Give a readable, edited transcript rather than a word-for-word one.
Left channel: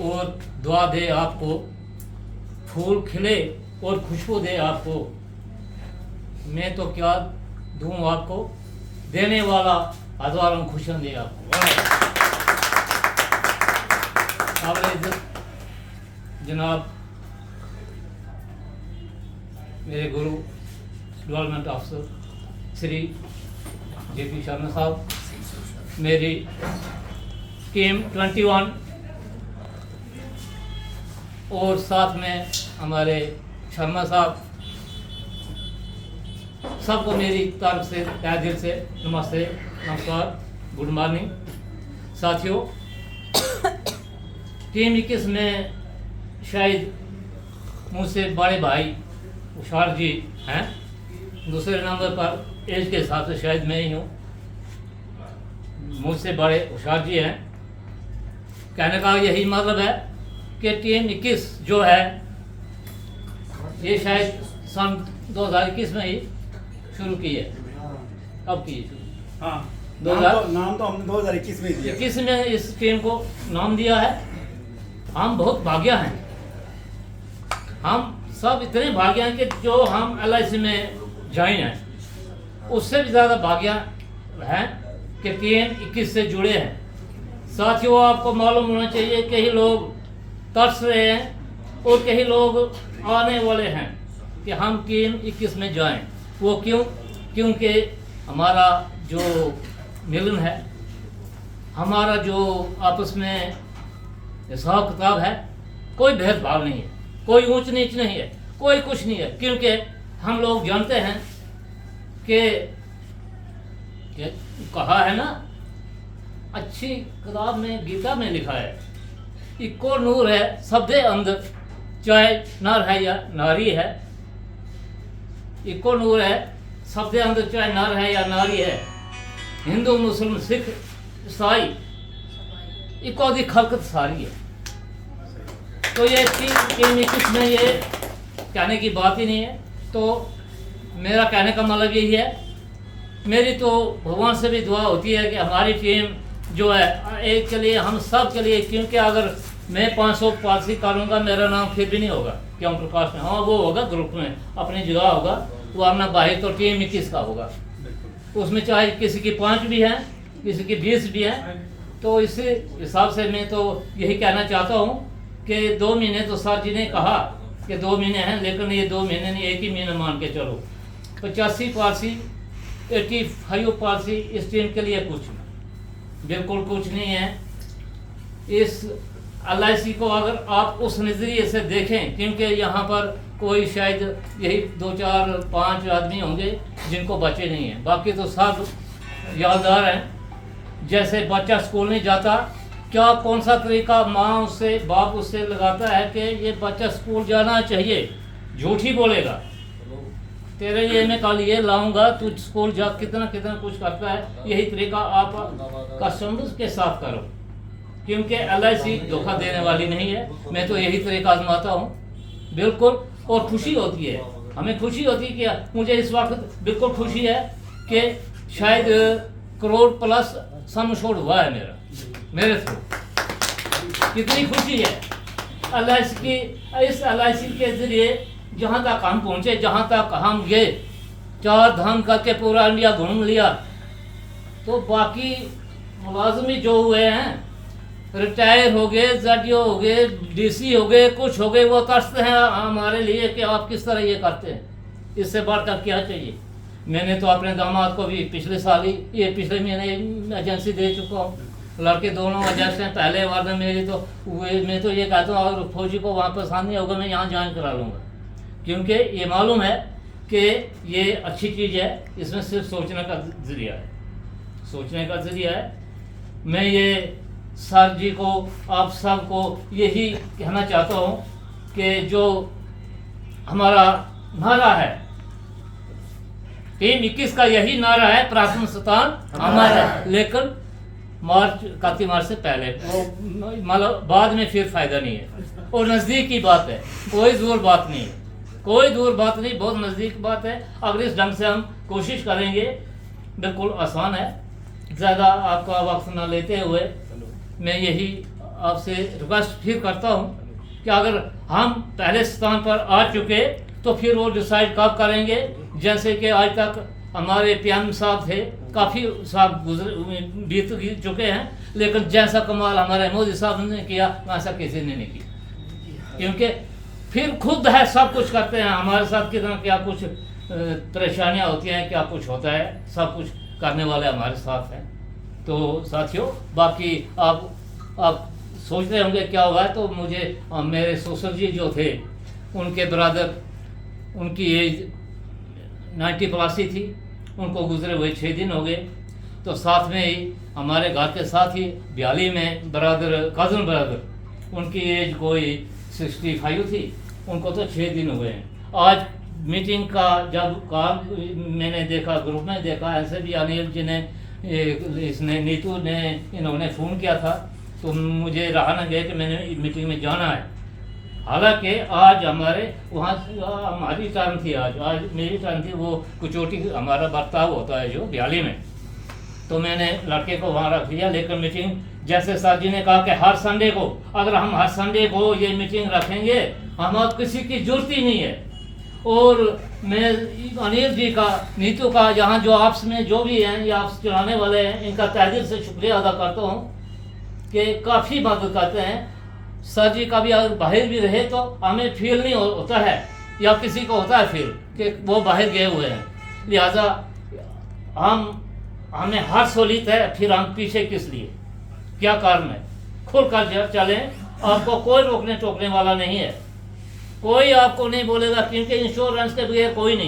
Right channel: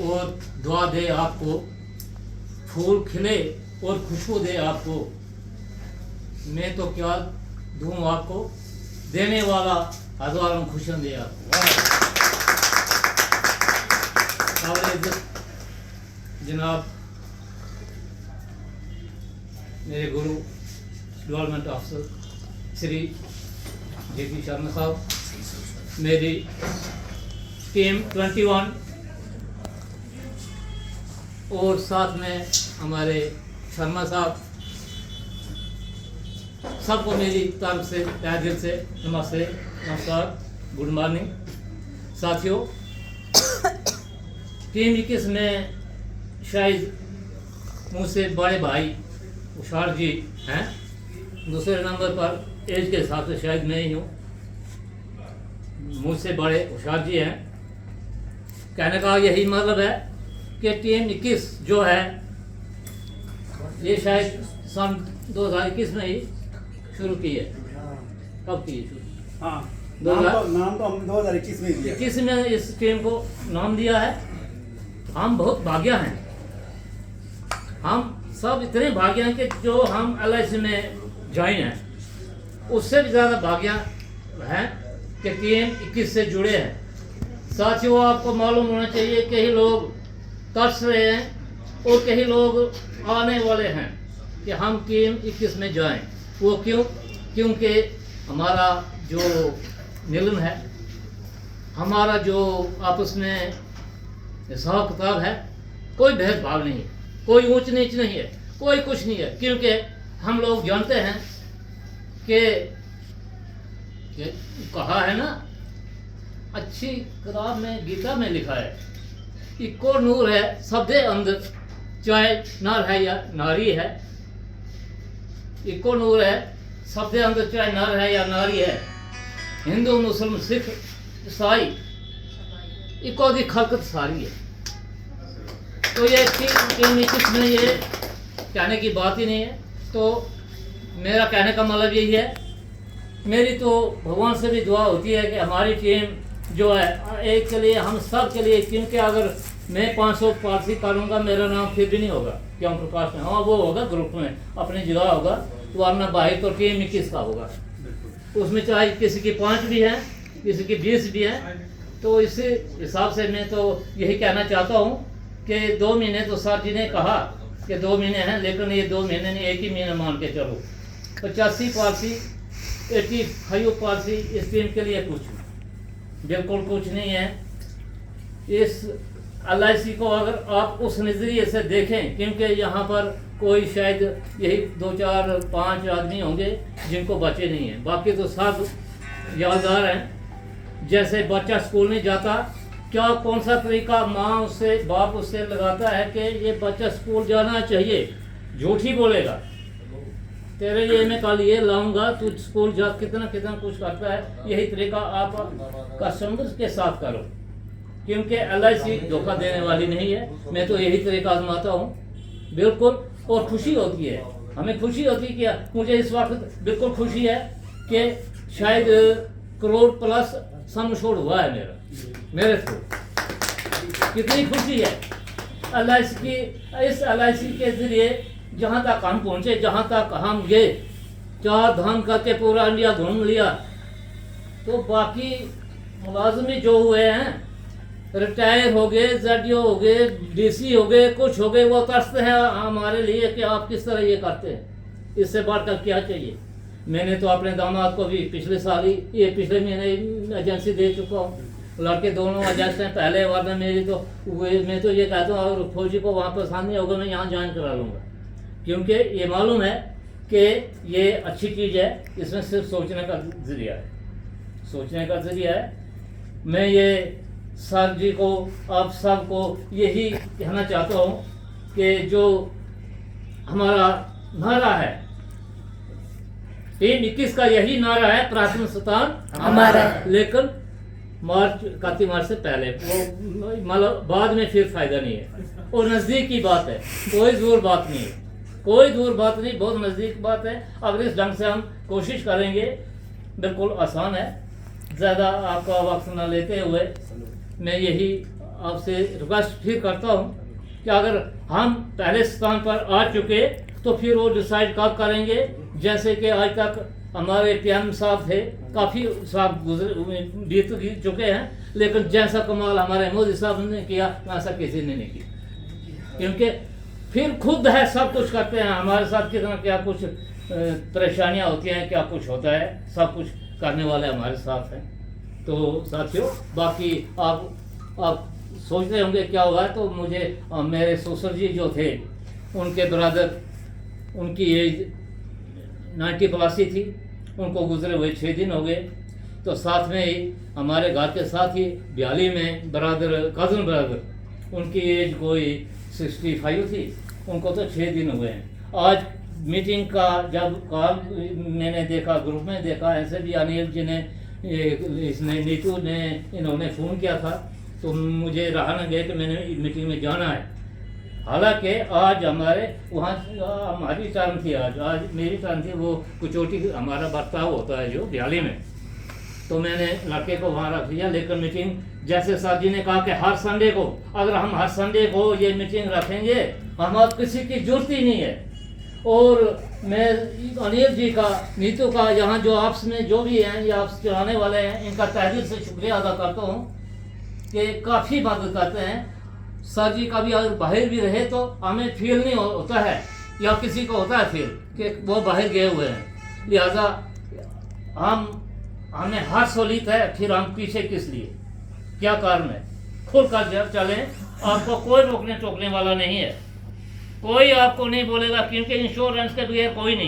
और दुआ दे आपको, फूल खिले और खुशबू दे आपको। मैं तो क्या दूं आपको, देने वाला हज़ारों खुशियाँ दे आपको। जनाब मेरे गुरु डेवलपमेंट अफसर श्री JP शर्मा साहब, मेरी टीम 21 और साथ में हमारे शर्मा साहब, सबको मेरी तरफ से तहे दिल से नमस्ते, नमस्कार, गुड मॉर्निंग। साथियों, टीम 21 में शायद मुझसे बड़े भाई उषार जी हैं, दूसरे नंबर पर एज के हिसाब से शायद मैं ही हूँ, मुझसे बड़े उषार जी हैं। कहने का यही मतलब है कि टीम 21 जो है ये शायद सन 2021 में ही शुरू की है। कब की शुरू? हाँ, नाम तो हमने 2021 में दिया। 21 में इस टीम को नाम दिया है। हम बहुत भाग्य हैं, हम सब इतने भाग्य हैं कि जो हम LIC में ज्वाइन हैं, उससे भी ज़्यादा भाग्य है कि टीम 21 से जुड़े हैं। साथियों, आपको मालूम होना चाहिए कई लोग तरस रहे हैं और कई लोग आने वाले हैं कि हम टीम 21 में जाएं। वो क्यों? क्योंकि हमारा जो मिलन है, हमारा जो आपस में हिसाब किताब है, कोई भेदभाव नहीं है, कोई ऊंच नीच नहीं है, कोई कुछ नहीं है। क्योंकि हम लोग जानते हैं कि कहा है ना, अच्छी किताब में, गीता में लिखा है, इको नूर है सबदे अंदर, चाहे नर है या नारी है। इको नूर है सबदे अंदर, चाहे नर है या नारी है। हिंदू मुस्लिम सिख ईसाई, इको दी खलकत सारी है। तो ये टीम में ये कहने की बात ही नहीं है। तो मेरा कहने का मतलब यही है, मेरी तो भगवान से भी दुआ होती है कि हमारी टीम जो है एक के लिए, हम सब के लिए, क्योंकि अगर मैं 500 पार्टी करूँगा मेरा नाम फिर भी नहीं होगा क्यों प्रकाश में। हाँ, वो होगा ग्रुप में अपनी जगह होगा, वो अपना बाहर तो टीम 21 का होगा। उसमें चाहे किसी की 5 भी है, किसी की 20 भी है। तो इस हिसाब से मैं तो यही कहना चाहता हूँ कि 2 महीने तो सर जी ने कहा कि 2 महीने हैं, लेकिन ये 2 महीने नहीं, एक ही महीना मान के चलो। 85 पारसी, 85 पारसी इस टीम के लिए कुछ बिल्कुल कुछ नहीं है। इस LIC को अगर आप उस नज़रिए से देखें, क्योंकि यहाँ पर कोई शायद यही 2, 4, 5 आदमी होंगे जिनको बच्चे नहीं हैं, बाकी तो सब यादगार हैं। जैसे बच्चा स्कूल नहीं जाता, क्या कौन सा तरीका माँ उससे, बाप उससे लगाता है कि ये बच्चा स्कूल जाना चाहिए, झूठ ही बोलेगा, तेरे लिए मैं कल ये लाऊंगा, तू स्कूल जा, कितना कितना कुछ करता है। यही तरीका आप कस्टमर्स के साथ करो, क्योंकि LIC धोखा देने वाली नहीं है। मैं तो यही तरीका आजमाता हूँ बिल्कुल, और खुशी होती है, हमें खुशी होती है कि मुझे इस वक्त बिल्कुल खुशी है कि शायद करोड़ प्लस सम छोड़ हुआ है मेरे थ्रू। कितनी खुशी है LIC की, इस LIC के जरिए जहाँ तक हम पहुँचे, जहाँ तक हम गए, 4 धाम करके पूरा इंडिया घूम लिया। तो बाकी मुलाजमी जो हुए हैं, रिटायर हो गए, ZDO हो गए, DC हो गए, कुछ हो गए, वो तरसते हैं हमारे लिए कि आप किस तरह ये करते हैं। इससे बढ़कर क्या चाहिए? मैंने तो अपने दामाद को भी पिछले साल ही, ये पिछले महीने एजेंसी दे चुका हूँ। लड़के दोनों एजेंसी हैं, पहले बार में मेरी तो मैं तो ये कहता हूँ अगर फौजी को वहाँ पसंद नहीं होगा, मैं यहाँ ज्वाइन करा लूँगा, क्योंकि ये मालूम है कि ये अच्छी चीज़ है। इसमें सिर्फ सोचने का जरिया है, सोचने का जरिया है। मैं ये सर जी को, आप सब को यही कहना चाहता हूँ कि जो हमारा नारा है टीम 21 का, यही नारा है, प्राथमिक स्थान हमारा, लेकिन मार्च 31 मार्च से पहले, मतलब बाद में फिर फायदा नहीं है। और नज़दीक की बात है, कोई दूर बात नहीं है, कोई दूर बात नहीं, बहुत नज़दीक बात है। अगर इस ढंग से हम कोशिश करेंगे, बिल्कुल आसान है। ज़्यादा आपका वक्त ना लेते हुए मैं यही आपसे रिक्वेस्ट फिर करता हूँ कि अगर हम पहले स्थान पर आ चुके तो फिर वो डिसाइड कब करेंगे। जैसे कि आज तक हमारे पीएम साहब थे, काफ़ी साहब बीत चुके हैं, लेकिन जैसा कमाल हमारे मोदी साहब ने किया वैसा किसी ने नहीं किया। क्योंकि फिर खुद है सब कुछ करते हैं, हमारे साथ कितना क्या कुछ परेशानियां होती हैं, क्या कुछ होता है, सब कुछ करने वाले हमारे साथ हैं। तो साथियों, बाकी आप सोच रहे होंगे क्या हुआ है, तो मुझे मेरे ससुर जी जो थे उनके ब्रदर, उनकी एज 90+ थी, उनको गुजरे हुए 6 दिन हो गए। तो साथ में ही हमारे घर के साथ ही ब्याली में कज़न ब्रदर, उनकी एज कोई 65 थी, उनको तो 6 दिन हुए हैं। आज मीटिंग का जब काम मैंने देखा, ग्रुप में देखा, ऐसे भी अनिल जी ने, इसने, नीतू ने, इन्होंने फ़ोन किया था, तो मुझे रहा न गया कि मैंने मीटिंग में जाना है। हालांकि आज हमारे वहाँ हमारी टर्न थी, आज मेरी टर्न थी, वो कुचोटी हमारा बर्ताव होता है जो ब्याली में, तो मैंने लड़के को वहाँ रख दिया। लेकिन मीटिंग, जैसे सर जी ने कहा कि हर संडे को, अगर हम हर संडे को ये मीटिंग रखेंगे, हम किसी की जरूरत ही नहीं है। और मैं अनिल जी का, नीतू का, यहाँ जो आपस में जो भी हैं, ये आपस चलाने वाले हैं, इनका तहे दिल से शुक्रिया अदा करता हूँ कि काफ़ी मदद करते हैं। सर जी का भी अगर बाहर भी रहे तो हमें फील नहीं होता है, या किसी को होता है फील कि वो बाहर गए हुए हैं, लिहाजा हमें हर सहूलियत है, फिर हम पीछे किस लिए, क्या कारण है, खुल कर चलें, आपको कोई रोकने टोकने वाला नहीं है, कोई आपको नहीं बोलेगा, क्योंकि इंश्योरेंस के बगैर कोई नहीं।